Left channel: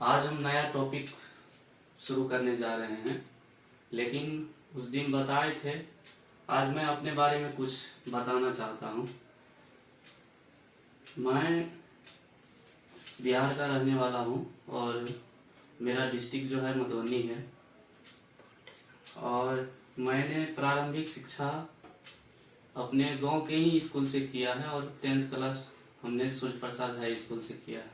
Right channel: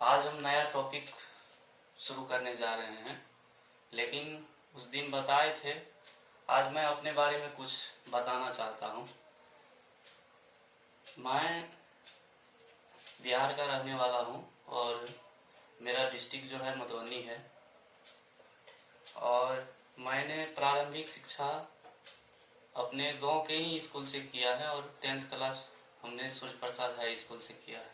आज हम नया टॉपिक शुरू करने जा रहे हैं, लेकिन उस दिन बताए थे। आज मैं अपने बारे में कुछ बताना चाहता हूँ। मैं बिहार का रहने वाला हूँ और मेरा डिस्ट्रिक्ट जो है मधुबनी है। और मैंने प्रारंभिक शिक्षा अपने गांव के ही स्कूल से किया है और 10th क्लास हमने सूर्य प्रसाद हाई स्कूल से किया है।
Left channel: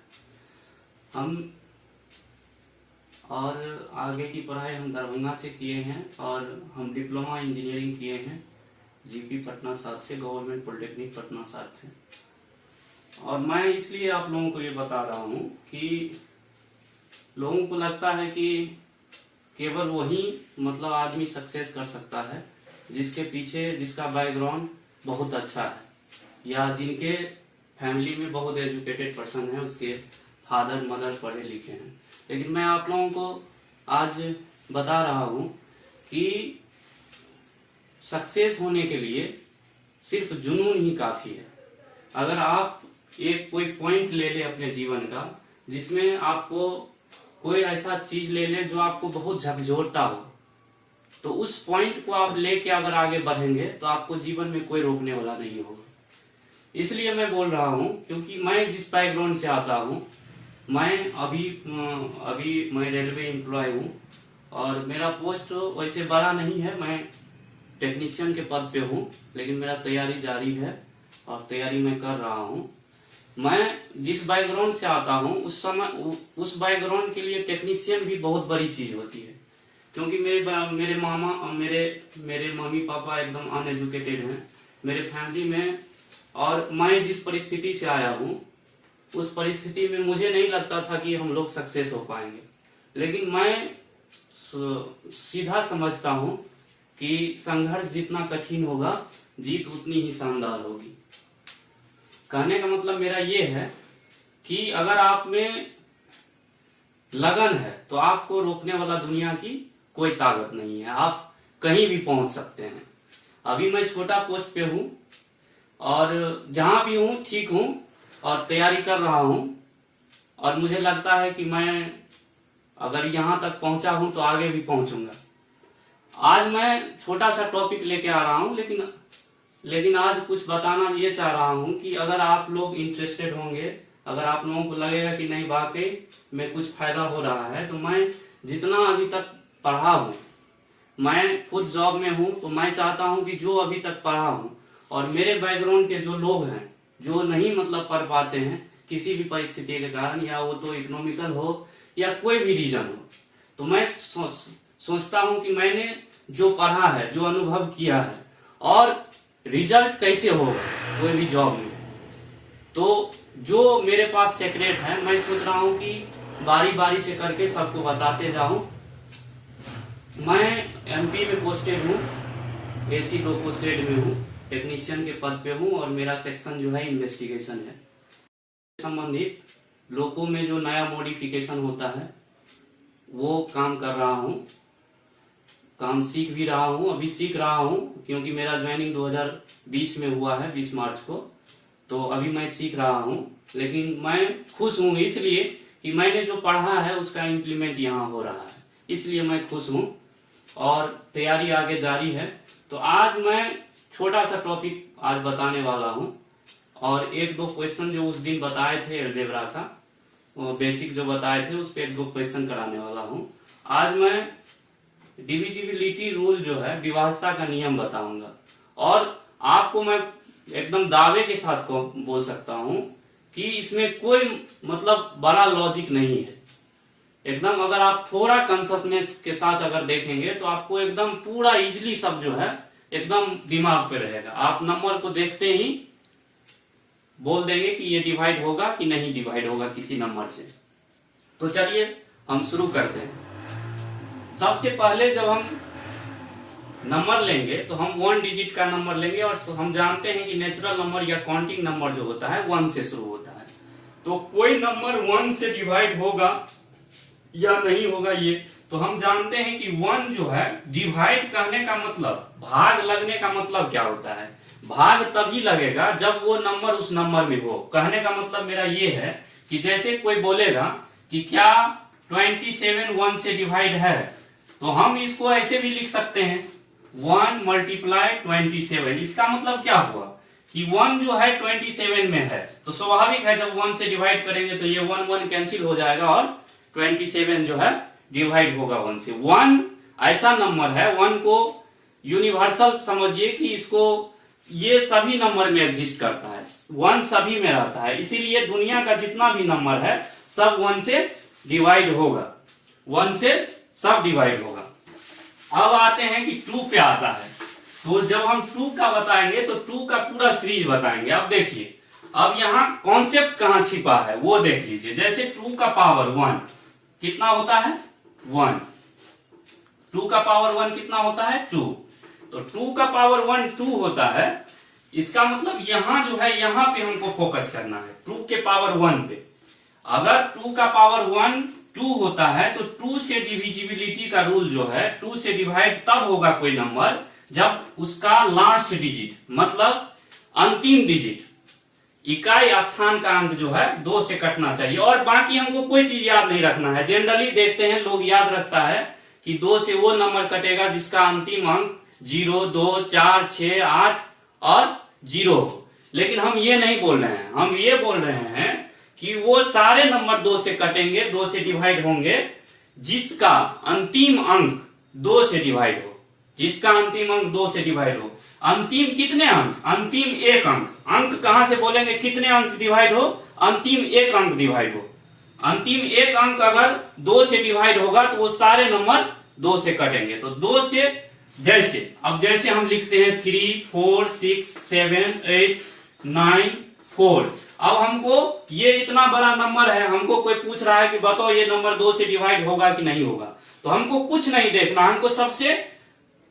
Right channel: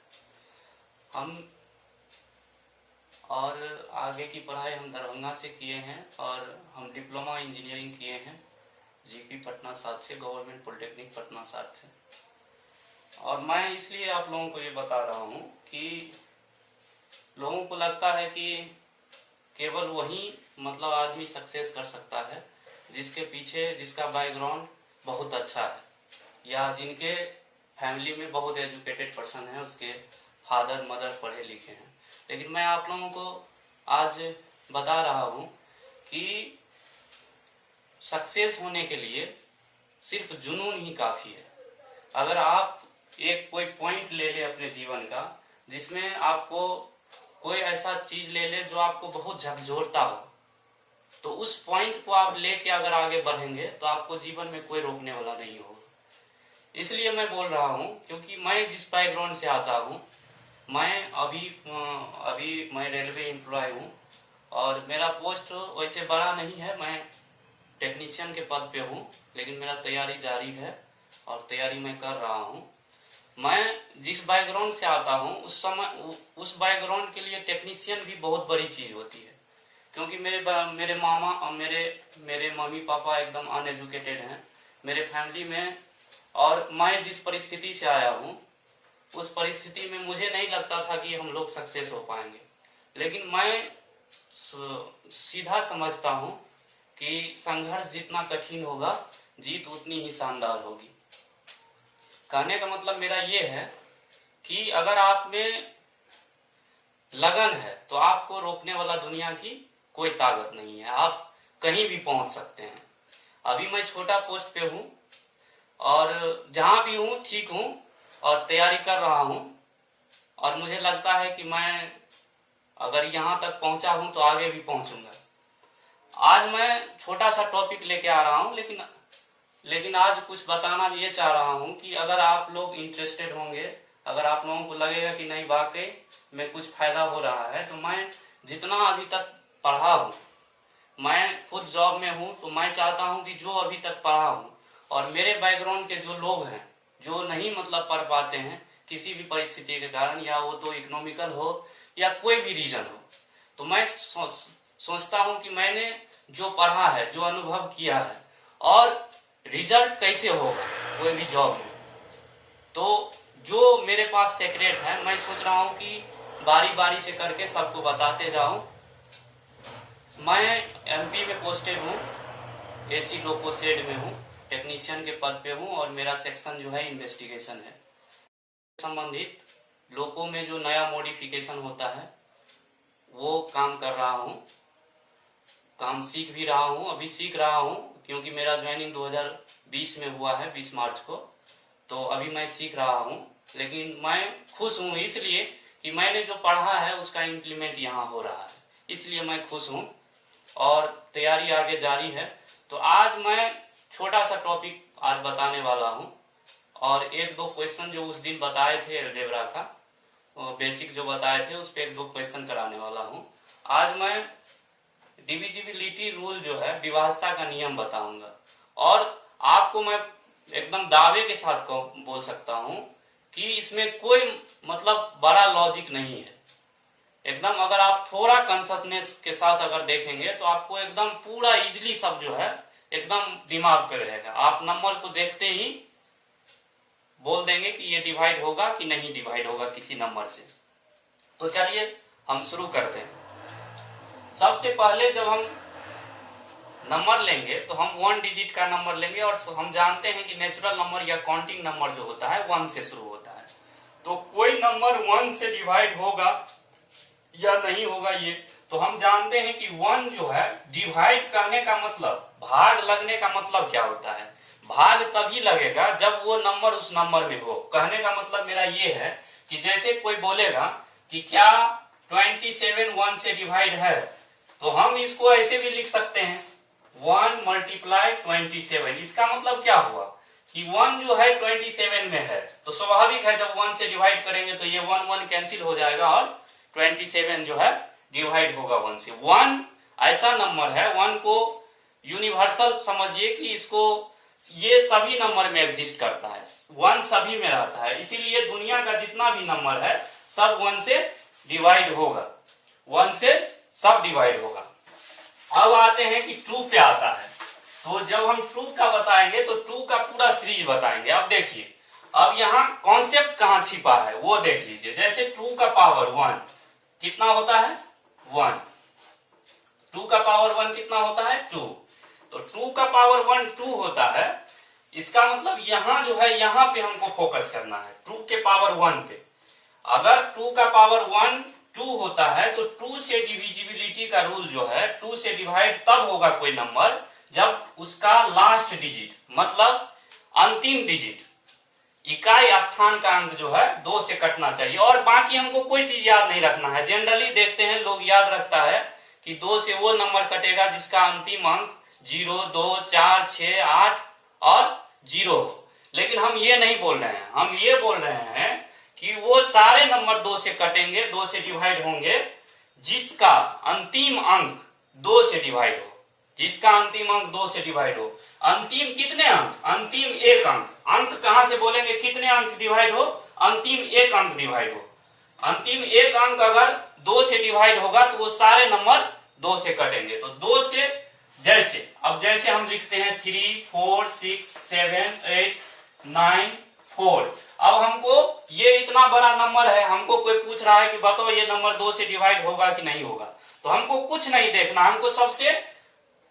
और आगे की पढ़ाई हम दरभंगा से किए हैं और हम डिप्लोमा इंजीनियरिंग किए हैं जीपी पटना 7 से, गवर्नमेंट पॉलिटेक्निक पटना 7 से। और मैं इसलिए आप लोगों को ये बता रहा हूँ कि लोगों को लगता है कि केवल वही मतलब आदमी सक्सेस कर सकता है जिसके पीछे जिसका बैकग्राउंड बहुत अच्छा है या जिनके फैमिली में बहुत एजुकेटेड पर्सन है, उसके फादर मदर पढ़े लिखे हैं। लेकिन मैं आप लोगों को आज बता रहा हूं कि सक्सेस होने के लिए सिर्फ जुनून ही काफी है। अगर आप कोई पॉइंट ले ले अपने जीवन का जिसमें आपको कोई ऐसा चीज ले ले जो आपको बहुत झकझोरता हो, तो उस पॉइंट को आप लेके अगर आगे बढ़ेंगे तो आपको जीवन में कोई रोकने वाला नहीं होगा। इसलिए मैं बोल रहा हूं क्योंकि मैं जिस बैकग्राउंड से आता हूं, मैं अभी मैं रेलवे एम्प्लॉय हूँ और मेरा पोस्ट वैसे बड़ा नहीं है। मैं टेक्नीशियन के पद पे हूँ, लेकिन मेरा तैयारी जारी है और तैयारी मैं कर रहा हूँ। मैं जिस बैकग्राउंड से आता हूँ उस बैकग्राउंड के लिए टेक्नीशियन भी बहुत बड़ी चीज होती है, क्योंकि मेरे मामा और मेरे मम्मी पापा एकदम अनएजुकेटेड हैं मेरे फैमिली में। और मैं जिस परिस्थिति से आया हूँ उस परिस्थिति में मुझे नहीं लगता था कि हम लोग सक्सेस हो पाएंगे, लेकिन मैं सीधा समझता हूँ कि संघर्ष जितना कठिन होगा जीत उतनी ही शानदार होगी। कहने का मतलब मेरा ये है कि अगर आप में लगन है तो आपको रोकने वाला दुनिया की कोई ताकत नहीं है, आप कहीं भी पहुंच सकते हैं। अभी मैं छोटा पोस्ट पे हूँ और जहां भी हूँ ठीक हूँ और तैयारी कर रहा हूँ, और मुझे लगता है कि मैं अगर यहाँ तक पहुंचा हूँ तो आगे भी पहुंचूंगा। आज मैं छोटा सा टॉपिक लेके आ रहा हूँ, लेकिन आज कुछ बताना ये चाह रहा हूँ कि अगर आप लोग इंटरेस्टेड होंगे, अगर आप लोगों को लगेगा कि नहीं वाकई में कुछ फायदा हो रहा है, तो मैं जितना अभी तक पढ़ा हूँ, मैं खुद जॉब में हूँ, तो मैं चाहता हूँ कि जो अभी तक पढ़ा हूँ और मेरे बैकग्राउंड के जो लोग हैं जो नहीं मतलब पढ़ पाते हैं किसी भी परिस्थिति के कारण, या वो तो इकोनॉमिकल हो या कोई भी रीजन हो, तो मैं सोचता हूं कि मैंने जो पढ़ा है, जो अनुभव किया है और रिजल्ट कैसे होगा कोई भी जॉब में, तो जो मेरे पास सीक्रेट है मैं सोच रहा हूं कि बारी बारी से करके सबको बताते जाऊं। मैं एमपी में पोस्टेड हूं, एसी लोको शेड में हूं, टेक्नीशियन के पद पे हूँ और मेरा सेक्शन जो है इन्वेस्टिगेशन है। संबंधित लोगों में जो नया मॉडिफिकेशन होता है वो काम कर रहा हूँ, काम सीख भी रहा हूँ, अभी सीख रहा हूँ क्योंकि मेरा ज्वाइनिंग 2020 में हुआ है 20 मार्च को, तो अभी मैं सीख रहा हूँ। लेकिन मैं खुश हूँ इसलिए कि मैंने जो पढ़ा है उसका इम्प्लीमेंट यहाँ हो रहा है, इसलिए मैं खुश हूँ और तैयारी आगे जारी है। तो आज मैं छोटा सा टॉपिक आज बताने वाला हूँ और एक दो क्वेश्चन जो उस दिन बताए थे एलजेब्रा का, वो बेसिक जो बताए थे उस पर एक दो क्वेश्चन कराने वाला हूँ। आज मैं डिविजिबिलिटी रूल जो है, विभाज्यता का नियम बताऊंगा और आपको मैं एकदम दावे के साथ को बोल सकता हूँ कि इसमें कोई मतलब बड़ा लॉजिक नहीं है। एकदम अगर आप थोड़ा कॉन्शसनेस के साथ अगर देखेंगे तो आपको एकदम पूरा इजिली सब जो है एकदम दिमाग पे रहेगा। आप नंबर को देखते ही बोल देंगे कि ये डिवाइड होगा कि नहीं डिवाइड होगा किसी नंबर से। तो चलिए हम शुरू करते हैं। सबसे पहले जब हम नंबर लेंगे तो हम 1 डिजिट का नंबर लेंगे और हम जानते हैं कि नेचुरल नंबर या काउंटिंग नंबर जो होता है 1 से शुरू होता है। तो कोई नंबर 1 से डिवाइड होगा या नहीं होगा ये तो हम जानते हैं कि 1 जो है डिवाइड करने का मतलब, भाग लगने का मतलब क्या होता है, भाग तभी लगेगा जब वो नंबर उस नंबर में हो। कहने का मतलब मेरा ये है कि जैसे कोई बोलेगा कि क्या 27 1 से डिवाइड है, तो हम इसको ऐसे भी लिख सकते हैं 1 मल्टीप्लाई 27। इसका मतलब क्या हुआ कि 1 जो है 27 में है, तो स्वाभाविक है जब 1 से डिवाइड करेंगे तो ये 1 1 कैंसिल हो जाएगा और 27 जो है डिवाइड होगा 1 से। 1 ऐसा नंबर है, 1 को यूनिवर्सल समझिए कि इसको ये सभी नंबर में एग्जिस्ट करता है, 1 सभी में रहता है, इसीलिए दुनिया का जितना भी नंबर है सब 1 से डिवाइड होगा, 1 से सब डिवाइड होगा। अब आते हैं कि 2 पे आता है, तो जब हम 2 का बताएंगे तो 2 का पूरा सीरीज बताएंगे। अब देखिए, अब यहाँ कॉन्सेप्ट कहाँ छिपा है वो देख लीजिए। जैसे 2 का पावर 1 कितना होता है 1, 2 का पावर 1 कितना होता है 2, तो 2 का पावर 1 2 होता है। इसका मतलब यहाँ जो है यहाँ पे हमको फोकस करना है 2 के पावर 1 पे। अगर 2 का पावर 1 2 होता है तो 2 से डिविजिबिलिटी का रूल जो है 2 से डिवाइड तब होगा कोई नंबर जब उसका लास्ट डिजिट मतलब अंतिम डिजिट इकाई स्थान का अंक जो है 2 से कटना चाहिए। और बाकी हमको कोई चीज याद नहीं रखना है। जनरली देखते हैं लोग याद रखता है कि 2 से वो नंबर कटेगा जिसका अंतिम अंक 0 2 4 6 8 और 0 हो, लेकिन हम ये नहीं बोल रहे हैं, हम ये बोल रहे हैं कि वो सारे नंबर 2 से कटेंगे, 2 से डिवाइड होंगे जिसका अंतिम अंक 2 से डिवाइड हो, जिसका अंतिम अंक 2 से डिवाइड हो। अंतिम कितने अंक, अंतिम एक अंक, अंक कहां से बोलेंगे कितने अंक डिवाइड हो, अंतिम एक अंक डिवाइड हो। अंतिम एक अंक अगर 2 से डिवाइड होगा तो वो सारे नंबर 2 से कटेंगे। तो 2 से जैसे अब जैसे हम लिखते हैं 3 4 6 7 8 9 4। अब हमको ये इतना बड़ा नंबर है, हमको कोई पूछ रहा है कि बताओ ये नंबर 2 से डिवाइड होगा कि नहीं होगा, तो हमको कुछ नहीं देखना, हमको सबसे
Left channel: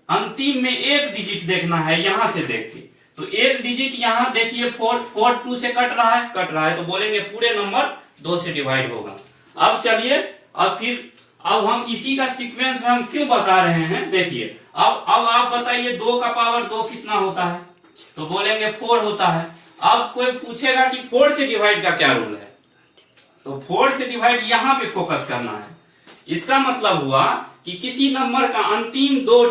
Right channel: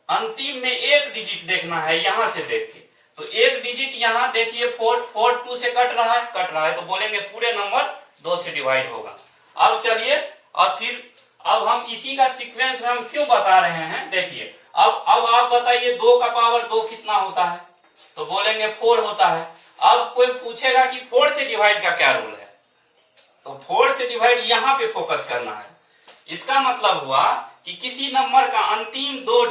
अंतिम में एक डिजिट देखना है यहां से देख के। तो एक डिजिट यहां देखिए 4 2 से कट रहा है, तो बोलेंगे पूरे नंबर 2 से डिवाइड होगा। अब चलिए अब हम इसी का सीक्वेंस में हम क्यों बता रहे हैं, देखिए अब आप बताइए 2 का पावर 2 कितना होता है, तो बोलेंगे 4 होता है। अब कोई पूछेगा कि 4 से डिवाइड का क्या रूल है, तो 4 से डिवाइड यहां पे फोकस करना है। इसका मतलब हुआ कि किसी नंबर का अंतिम दो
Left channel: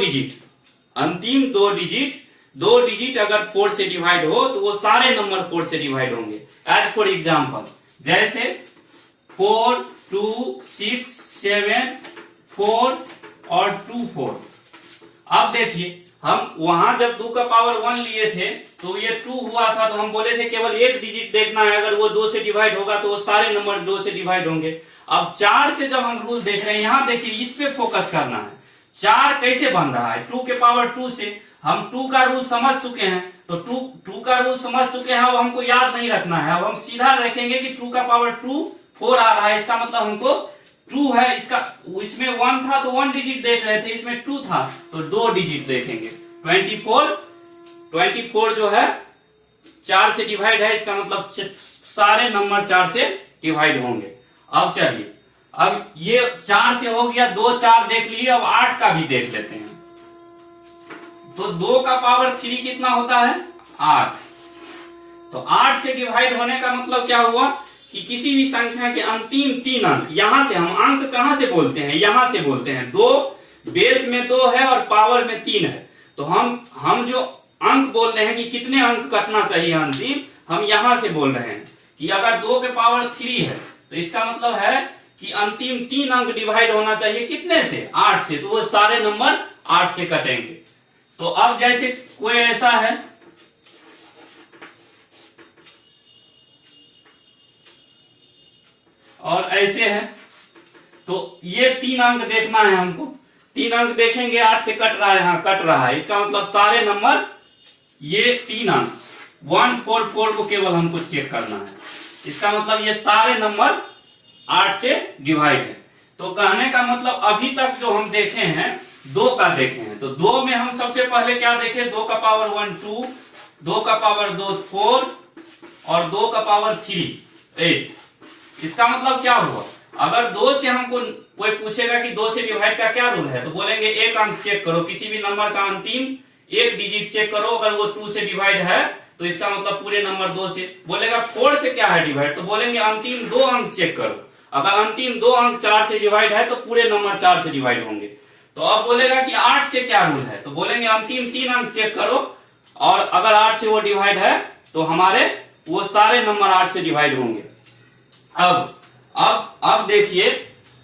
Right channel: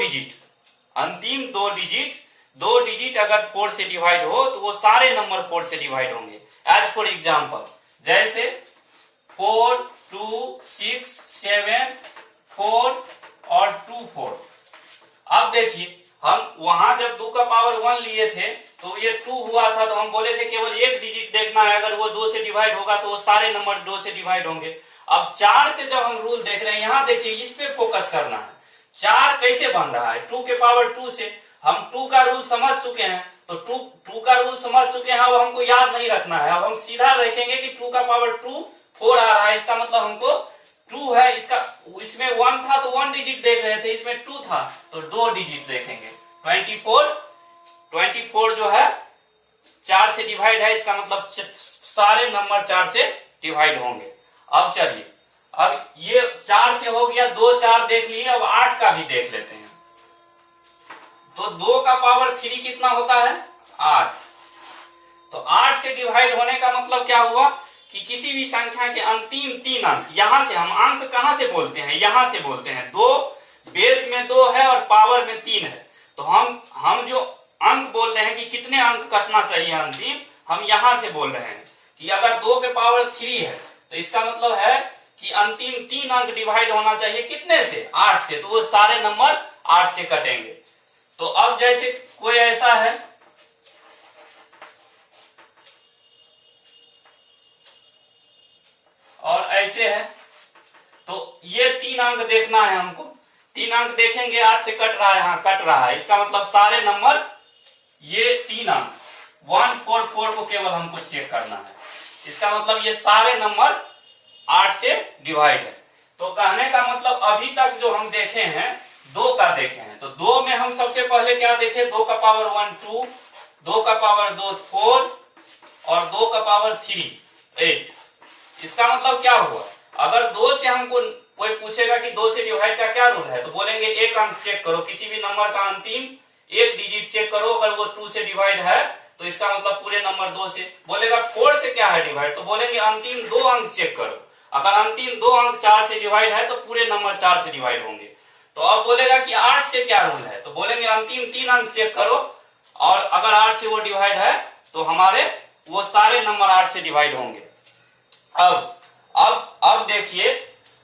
डिजिट अगर 4 से डिवाइड हो तो वो सारे नंबर 4 से डिवाइड होंगे। एज फॉर एग्जाम्पल जैसे 4 2 6 7 4 और 2 4। अब देखिए हम वहां जब 2 का पावर 1 लिए थे तो ये 2 हुआ था, तो हम बोले थे केवल एक डिजिट देखना है, अगर वो 2 से डिवाइड होगा तो वो सारे नंबर 2 से डिवाइड होंगे। अब 4 से जब हम रूल देख रहे हैं, यहां देखिए इस पे फोकस करना है। 4 कैसे बन रहा है 2 के पावर 2 से, हम 2 का रूल समझ चुके हैं, तो 2 का रूल समझ चुके हैं। अब हमको याद नहीं रखना है, अब हम सीधा देखेंगे कि 2 का पावर 2 4 आ रहा है, इसका मतलब हमको 2 है, इसमें 1 था तो 1 डिजिट देख रहे थे, इसमें 2 था तो 2 डिजिट देखेंगे। 24 जो है 4 से डिवाइड है, इसका मतलब सारे नंबर 4 से डिवाइड होंगे। अब चलिए, अब ये 4 से हो गया, 2 4 देख लिए, अब 8 का भी देख लेते हैं। तो 2 का पावर 3 कितना होता है 8। तो 8 से डिवाइड होने का मतलब क्या हुआ कि किसी भी संख्या के अंतिम 3 अंक, यहां से हम अंक कहां से बोलते हैं, यहां से बोलते हैं। 2 बेस में 2 है और पावर में 3 है, तो हम जो अंक बोल रहे हैं कि कितने अंक कटना चाहिए अंतिम, हम यहां से बोल रहे हैं कि अगर 2 के पावर 3 है तो इसका मतलब है कि अंतिम 3 अंक डिवाइड होना चाहिए कितने से 8 से, तो वो सारे नंबर 8 से कटेंगे। तो अब जैसे कोई ऐसा है और ऐसे है, तो ये 3 अंक देखना है हमको, 3 अंक देखेंगे 8 से कट रहा है, हाँ कट रहा है, इसका मतलब सारे नंबर ये 3 अंक 1 4 4 को केवल हमको चेक करना है, इसका मतलब ये सारे नंबर 8 से डिवाइड है। तो कहने का मतलब अभी तक जो हम देखे हैं 2 का देखे हैं, तो 2 में हम सबसे पहले क्या देखे, 2 का पावर 1 2, 2 का पावर 2 4 और 2 का पावर 3 8। इसका मतलब क्या हुआ, अगर 2 से हमको कोई पूछेगा कि 2 से डिवाइड का क्या रूल है, तो बोलेंगे एक अंक चेक करो, किसी भी नंबर का अंतिम एक डिजिट चेक करो, अगर वो 2 से डिवाइड है तो इसका मतलब पूरे नंबर 2 से। बोलेगा 4 से क्या है डिवाइड, तो बोलेंगे अंतिम 2 अंक चेक करो, अगर अंतिम दो अंक 4 से डिवाइड है तो पूरे नंबर 4 से डिवाइड होंगे। तो अब बोलेगा कि 8 से क्या रूल है, तो बोलेंगे अंतिम 3 अंक चेक करो और अगर 8 से वो डिवाइड है तो हमारे वो सारे नंबर 8 से डिवाइड होंगे।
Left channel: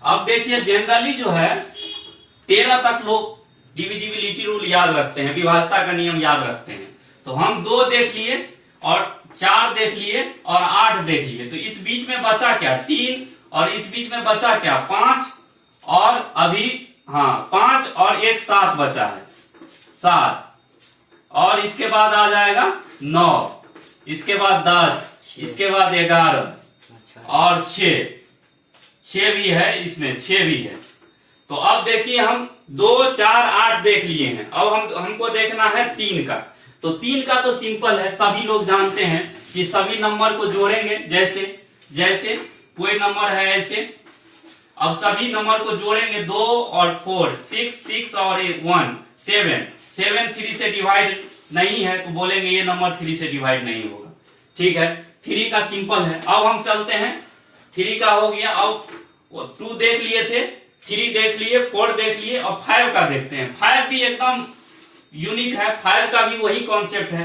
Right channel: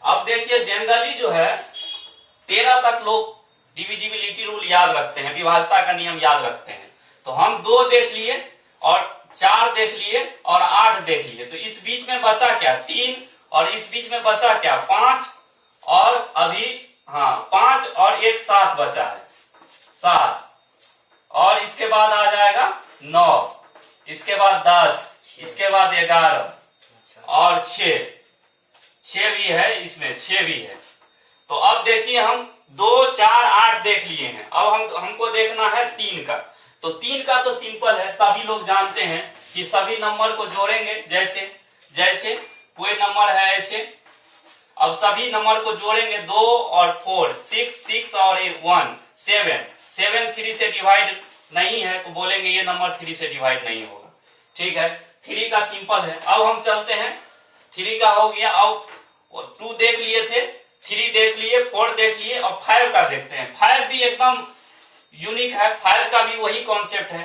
अब देखिए जनरली जो है 13 तक लोग डिविजिबिलिटी रूल याद रखते हैं, विभाज्यता का नियम याद रखते हैं। तो हम 2 देख लिए और 4 देख लिए और 8 देख लिए, तो इस बीच में बचा क्या 3 और इस बीच में बचा क्या 5 और अभी 5 और 1 7 बचा है 7 और इसके बाद आ जाएगा 9, इसके बाद 10, इसके बाद 11 और 6 भी है, इसमें 6 भी है। तो अब देखिए हम 2 4 8 देख लिए हैं, अब हमको देखना है 3 का। तो 3 का तो सिंपल है, सभी लोग जानते हैं कि सभी नंबर को जोड़ेंगे, जैसे कोई नंबर है ऐसे, अब सभी नंबर को जोड़ेंगे 2 और 4 6 और 1 7 3 से डिवाइड नहीं है तो बोलेंगे ये नंबर 3 से डिवाइड नहीं होगा। ठीक है, 3 का सिंपल है। अब हम चलते हैं, 3 का हो गया, अब 2 देख लिए थे, 3 देख लिए, 4 देख लिए, अब 5 का देखते हैं। 5 भी एकदम यूनिक है, 5 का भी वही कॉन्सेप्ट है।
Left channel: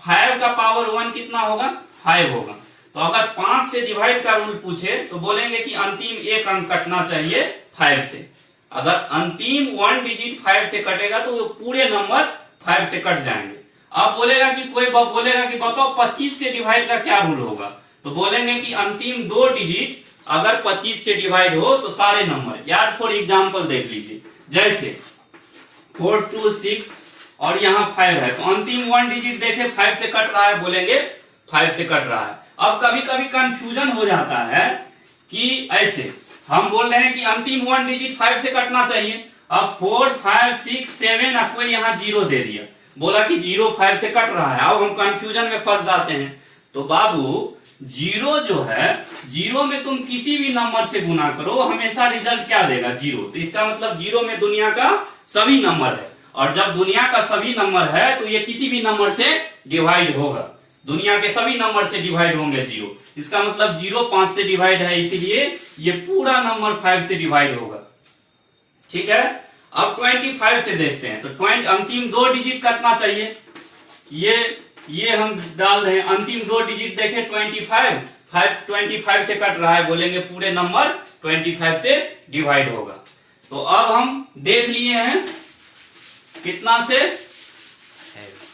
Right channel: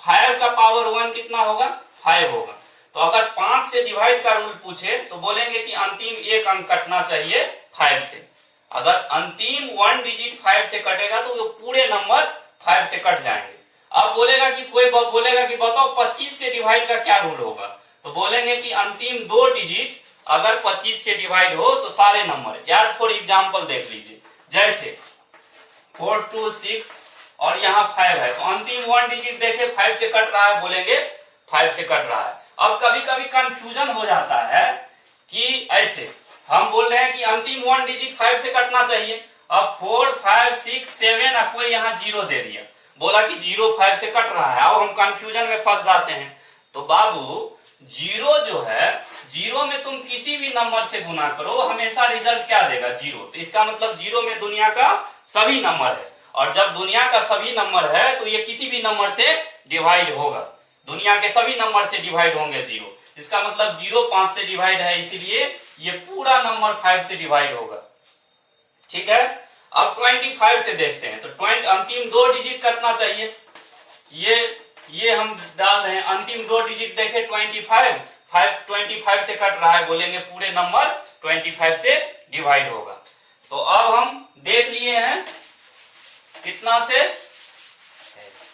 5 का पावर 1 कितना होगा 5 होगा। तो अगर 5 से डिवाइड का रूल पूछे तो बोलेंगे कि अंतिम 1 अंक कटना चाहिए 5 से। अगर अंतिम 1 डिजिट 5 से कटेगा तो वो पूरे नंबर 5 से कट जाएंगे। अब बोलेगा कि कोई बोलेगा कि बताओ 25 से डिवाइड का क्या रूल होगा, तो बोलेंगे कि अंतिम 2 डिजिट अगर 25 से डिवाइड हो तो सारे नंबर, याद फॉर एग्जाम्पल देख लीजिए, जैसे 4 2 6 और यहाँ 5 है, तो अंतिम 1 डिजिट देखे 5 से कट रहा है, बोलेंगे 5 से कट रहा है। अब कभी कभी कंफ्यूजन हो जाता है कि ऐसे हम बोल रहे हैं कि अंतिम 1 डिजिट 5 से कटना चाहिए, अब 4 5 6 7 और कोई यहाँ 0 दे दिया, बोला कि 0 5 से कट रहा है। अब हम कंफ्यूजन में फंस जाते हैं। तो बाबू 0 जो है, 0 में तुम किसी भी नंबर से गुना करो हमेशा रिजल्ट क्या देगा 0। तो इसका मतलब 0 में दुनिया का सभी नंबर है, और जब दुनिया का सभी नंबर है तो ये किसी भी नंबर से डिवाइड होगा, दुनिया के सभी नंबर से डिवाइड होंगे 0। इसका मतलब 0 5 से डिवाइड है, इसीलिए ये पूरा नंबर 5 से डिवाइड होगा। ठीक है, अब 25 से देखते हैं। तो अंतिम 2 डिजिट कटना चाहिए, ये हम डाल रहे हैं, अंतिम 2 डिजिट देखे 25 से कट रहा है, बोलेंगे पूरे नंबर 25 से डिवाइड होगा। तो अब हम देख लिए हैं कितना से,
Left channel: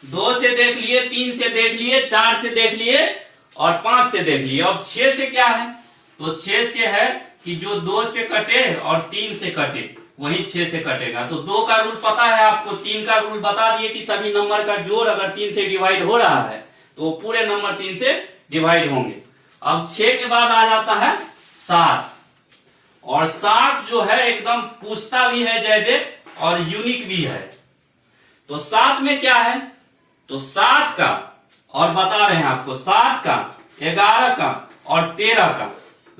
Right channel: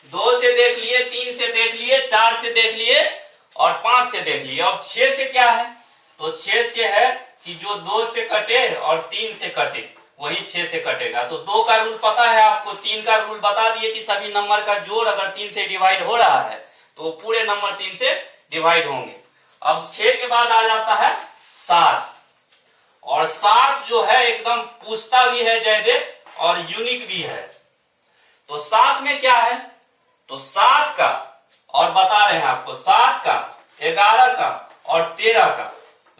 2 से देख लिए, 3 से देख लिए, 4 से देख लिए और 5 से देख लिए। अब 6 से क्या है, तो 6 से है कि जो 2 से कटे और 3 से कटे वही 6 से कटेगा। तो 2 का रूल पता है आपको, 3 का रूल बता दिए कि सभी नंबर का जोड़ अगर 3 से डिवाइड हो रहा है तो पूरे नंबर 3 से डिवाइड होंगे। अब 6 के बाद आ जाता है 7, और 7 जो है एकदम पूछता भी है जयदेव और यूनिक भी है। तो 7 में क्या है, तो 7 का, और बता रहे हैं आपको 7 का 11 का और 13 का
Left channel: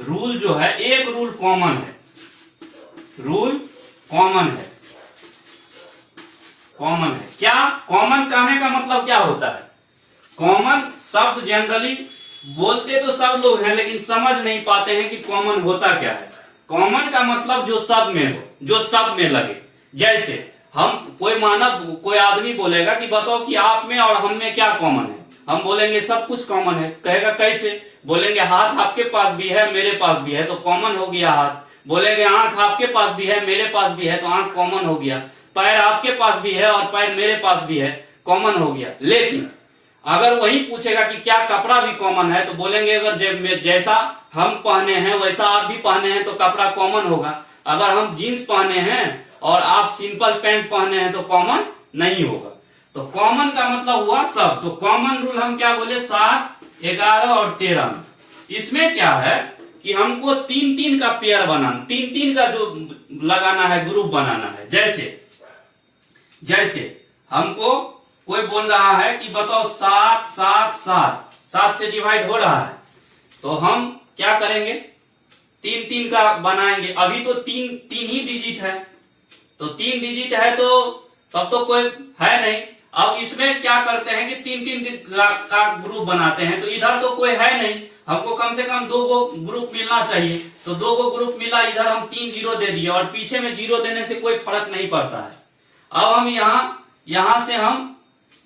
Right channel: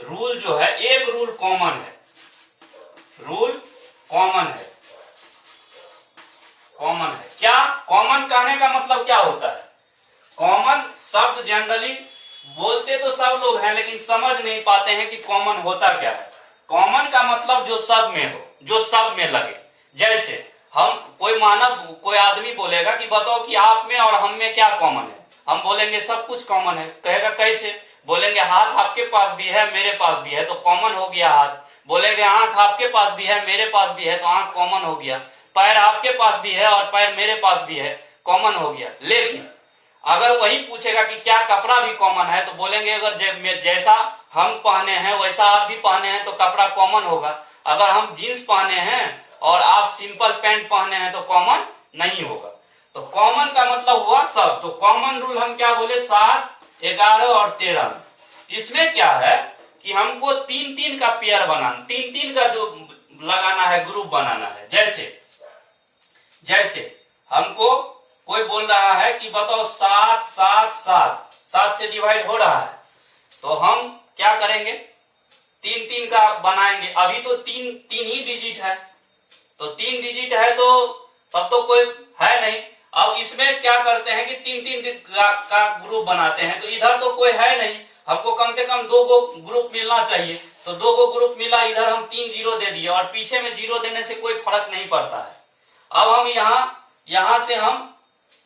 रूल जो है, एक रूल कॉमन है, रूल कॉमन है। क्या कॉमन कहने का मतलब क्या होता है, कॉमन शब्द जनरली बोलते तो सब लोग हैं लेकिन समझ नहीं पाते हैं कि कॉमन होता क्या है। कॉमन का मतलब जो सब में हो, जो सब में लगे। जैसे हम कोई आदमी बोलेगा कि बताओ कि आप में और हम में क्या कॉमन है, हम बोलेंगे सब कुछ कॉमन है। कहेगा कैसे, बोलेंगे हाथ आपके पास भी है मेरे पास भी है तो कॉमन हो गया हाथ। बोलेंगे आंख आपके पास भी है मेरे पास भी है तो आंख कॉमन हो गया। पैर आपके पास भी है और पैर मेरे पास भी है, कॉमन हो गया। लेकिन अगर वही पूछेगा कि क्या कपड़ा भी कॉमन है, तो बोलेंगे अगर जैसा हम पहने हैं वैसा आप भी पहने हैं तो कपड़ा कॉमन होगा। अगर हम जीन्स पहने हैं और आप सिंपल पैंट पहने हैं तो कॉमन नहीं होगा। तो कॉमन का मतलब हुआ सब। तो कॉमन रूल हम क्या बोले, 7 11 और 13 में इसमें क्या है कि हमको 3-3 का पेयर बनाना, 3-3 का जो लगाना है, ग्रुप बनाना है। जैसे हमको कोई बोल रहा है कि बताओ 7 7 7 7 से डिवाइड हो रहा है, तो हम क्या करेंगे, 3-3 का बनाएंगे। अभी तो 3 ही डिजिट है, तो 3 डिजिट है तो तब तो कोई है नहीं। अब इसमें क्या करते हैं कि 3-3 का ग्रुप बनाते हैं, तो इधर तो कोई है नहीं, हमको कम से कम 2 गो ग्रुप मिलना चाहिए। तो 2 गो ग्रुप मिला, इधर हम 3 जीरो दे दिए और पीछे में जीरो देने से कोई फर्क नहीं पड़ता है। अब हम यहां से हम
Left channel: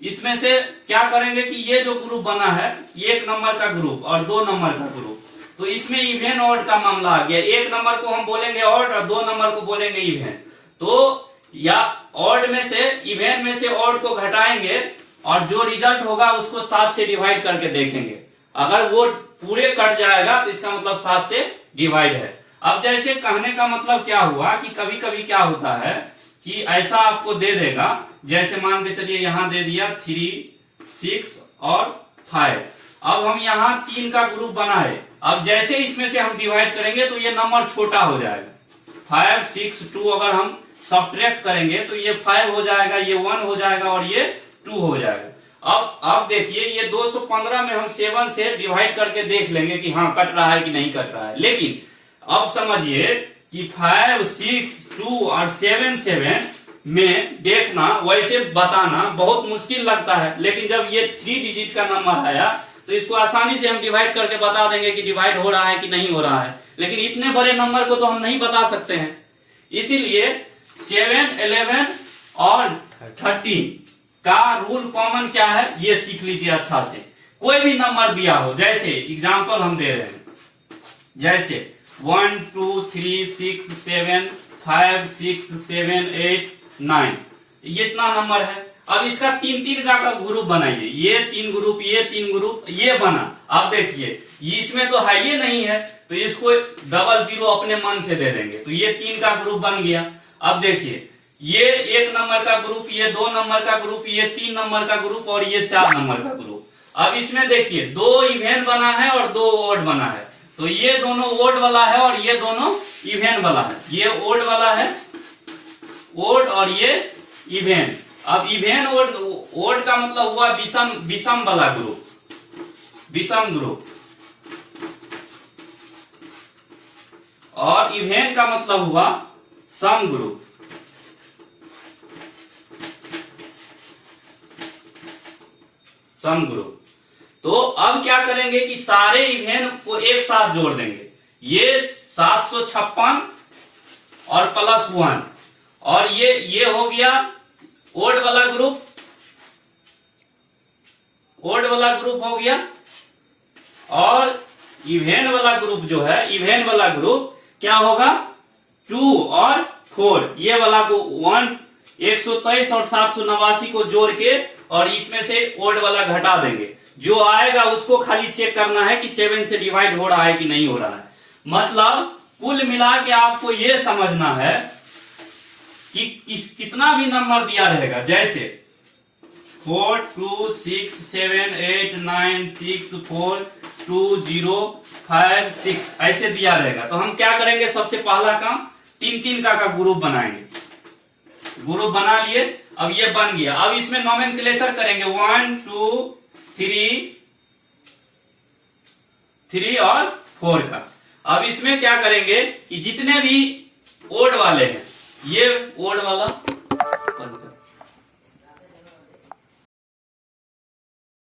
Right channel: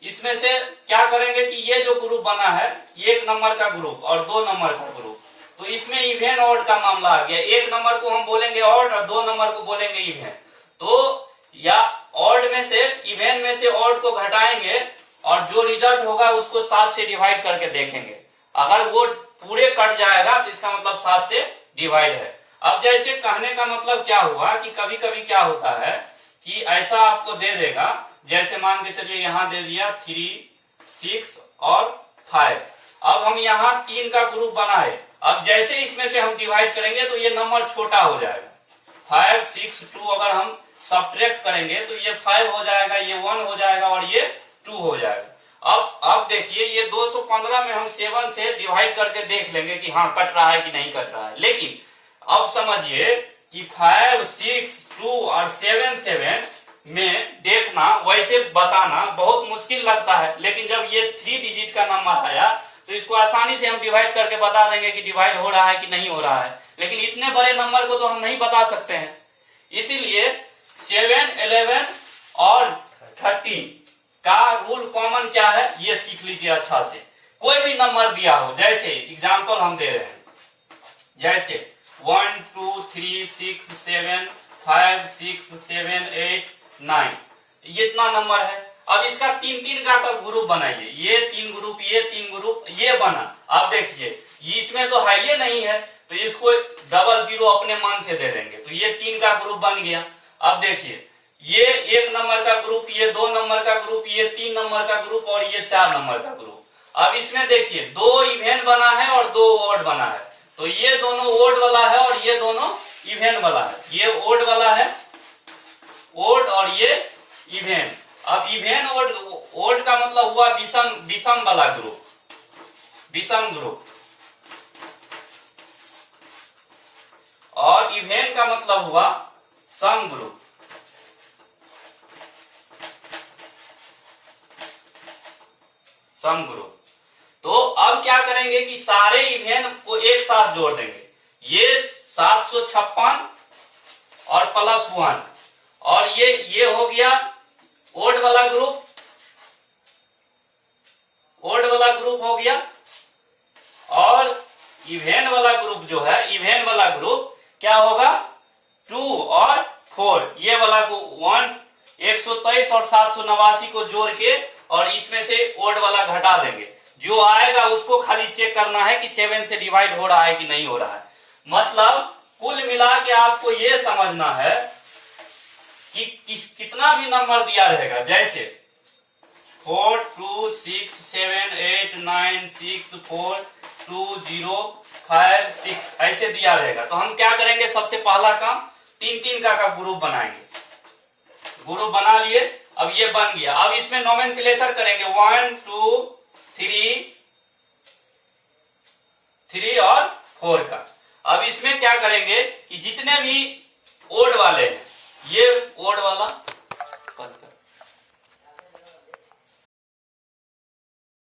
इसमें से क्या करेंगे कि ये जो ग्रुप बना है, 1 नंबर का ग्रुप और 2 नंबर का ग्रुप, तो इसमें इवेन ऑड का मामला आ गया। 1 नंबर को हम बोलेंगे ऑड और 2 नंबर को बोलेंगे इवेन। तो या ऑड में से, इवेन में से ऑड को घटाएंगे और जो रिजल्ट होगा उसको 7 से डिवाइड करके देखेंगे। अगर वो पूरे कट जाएगा तो इसका मतलब 7 से डिवाइड है। अब जैसे कहने का मतलब क्या हुआ कि कभी कभी क्या होता है कि ऐसा आपको दे देगा, जैसे मान के चलिए यहां दे दिया 3, 6 और 5। अब हम यहाँ 3 का ग्रुप बना है। अब जैसे इसमें से हम डिवाइड करेंगे तो ये नंबर छोटा हो जाएगा। 5, 6, 2 अगर हम सब्ट्रैक्ट करेंगे तो ये 5 हो जाएगा, ये 1 हो जाएगा और ये 2 हो जाएगा। अब देखिए ये 215 में हम 7 से डिवाइड करके देख लेंगे कि हाँ कट रहा है कि नहीं कट रहा है। लेकिन अब समझिए कि 5, 6, 2 और 7 में देखना, वैसे बताना बहुत मुश्किल लगता है। लेकिन जब ये 3 डिजिट का नंबर आया तो इसको आसानी से हम डिवाइड करके बता देंगे कि डिवाइड हो रहा है कि नहीं हो रहा है। लेकिन इतने बड़े नंबर को तो हम नहीं बता सकते हैं। इसीलिए 7, 11 और 13 का रूल कॉमन क्या है ये सीख लीजिए अच्छा से। कोई भी नंबर दिया हो, जैसे एग्जाम्पल हम दे रहे हैं, जैसे 1, 2, 3, 6, 7, 5, 6, 7, 8, 9, ये इतना नंबर है। अब इसका 3 का ग्रुप बनाइए, ये 3 ग्रुप, ये 3 ग्रुप, ये बना। अब देखिए इसमें तो है ये नहीं है, तो इसको 00 अपने मन से दे देंगे तो ये 3 का ग्रुप बन गया। अब देखिए ये 1 नंबर का ग्रुप, ये 2 नंबर का ग्रुप, ये 3 नंबर का ग्रुप और ये 4 नंबर का ग्रुप। अब इसमें देखिए 2 इवेन बना है और 2 ओड बना है। तो ये दोनों ओड वाला है और ये दोनों इवेन वाला है। ये ओड वाला है, ओड, और ये इवेन। अब इवेन ओड का मतलब हुआ विषम वाला ग्रुप, विषम ग्रुप। और इवेन का मतलब हुआ सम ग्रुप। Some group. तो अब क्या करेंगे कि सारे इवेन को एक साथ जोड़ देंगे। ये 756 और +1, और ये हो गया ओड वाला ग्रुप, ओड वाला ग्रुप हो गया। और इवेन वाला ग्रुप जो है, इवेन वाला ग्रुप क्या होगा, 2 और 4, ये वाला को 123 और 789 को जोड़ के और इसमें से ओड वाला घटा देंगे। जो आएगा उसको खाली चेक करना है कि 7 से डिवाइड हो रहा है कि नहीं हो रहा है। मतलब कुल मिला के आपको ये समझना है कि कितना भी नंबर दिया रहेगा, जैसे 4, 2, 6, 7, 8, 9, 6, 4, 2, 0, 5, 6 ऐसे दिया रहेगा। तो हम क्या करेंगे, सबसे पहला काम 3 का ग्रुप बनाएंगे। ग्रुप बना लिए, अब ये बन गया। अब इसमें नोमेनक्लेचर करेंगे 1, 2, 3 और 4 का। अब इसमें क्या करेंगे कि जितने भी ओड वाले हैं, ये ओड वाला,